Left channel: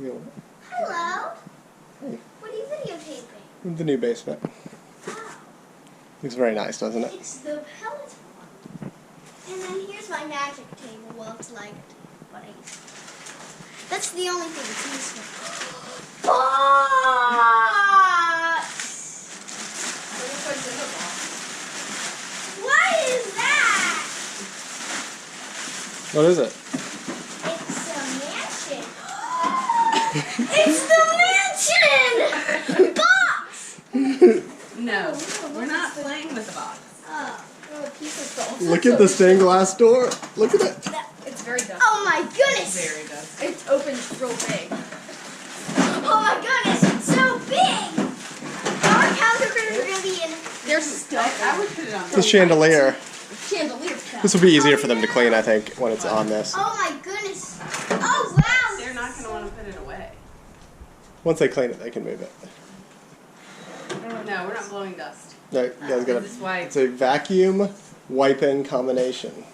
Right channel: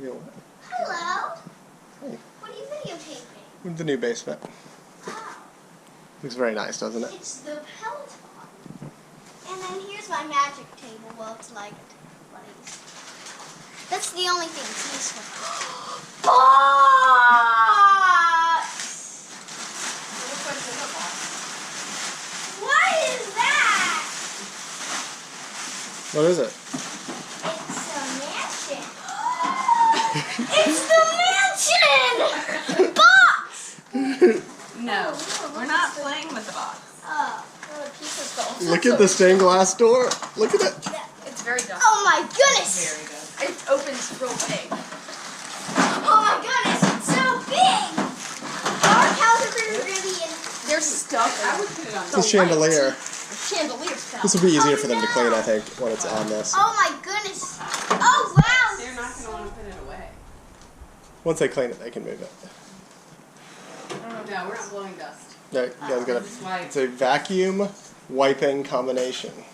Hello. Hey. What are you videotaping? With the new basement. Oh. Looks very nice, doesn't it? It's the Peloton. And then here's my magic table. Well, it's like what I used to. That's the only thing it's used for. What is that? What is it? It's a mansion. It's the mansion! Box! No, we're not playing with the box. Oh, the pieces go. Look at the stained glass door. Look at it. It's very dusty. Oh my goodness! Very dusty. It opens real big. Oh my goodness, it's so big! Our Calico are going to be in. There's stuff. I would put it on. It's a chandelier. Chandelier's This will be easier for them to clean, I think, when it's on this. Oh my goodness! Oh wow! They're not going to want to put it away. Once they clean it, they can move it. No, we're not blowing dust. No, you guys gotta. Just wipe. It's a vacuum wiping combination.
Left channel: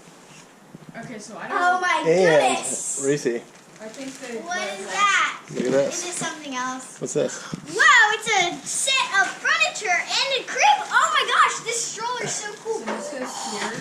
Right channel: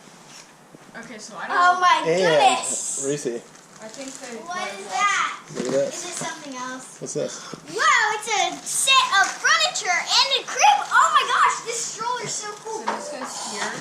Okay, so I don't. Oh my And goodness! Reese, I think they. What is that? look at Is this. it something else? What's this? Wow, it's a set of furniture and a crib! Oh my gosh, this stroller's so cool! So this goes here.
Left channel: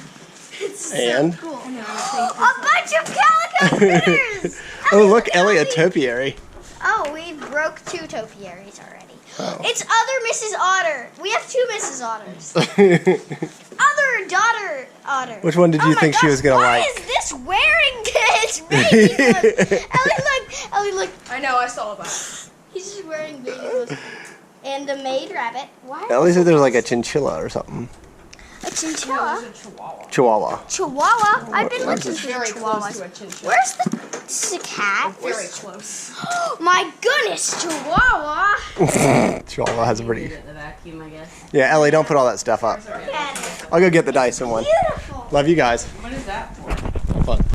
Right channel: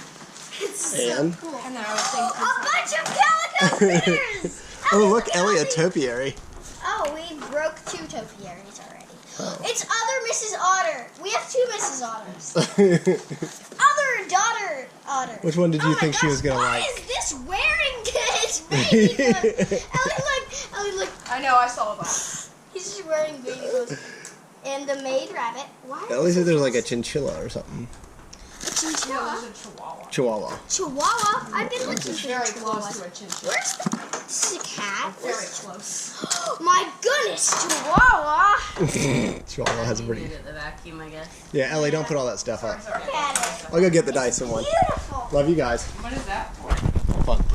It's so And? cool. And then I would think A bunch of Calico critters! Oh, look, Ellie, a topiary. Oh, we broke 2 topiaries already. Oh. It's other Mrs. Otter. We have 2 Mrs. Otters. Other daughter otter. Which one did you my think she was gosh, gonna why like? is this wearing this baby clothes? Ellie, look. I know, I saw that. He's just wearing baby clothes. And the maid rabbit. Why? Ellie said there's like a chinchilla or something. A chinchilla. There's a chihuahua. Chihuahua. Chihuahua. I've been What is looking for Very close chihuahuas. to a chinchilla. Where's the? This is a cat. Very close. My goodness, Chihuahua. Chihuahua has a Did pretty. it the vacuum, I guess. Yeah, Ellie, don't put all that stuff up. Look at it. I'll go get the Dyson one. Beautiful. Love you guys. What is that for? Have fun.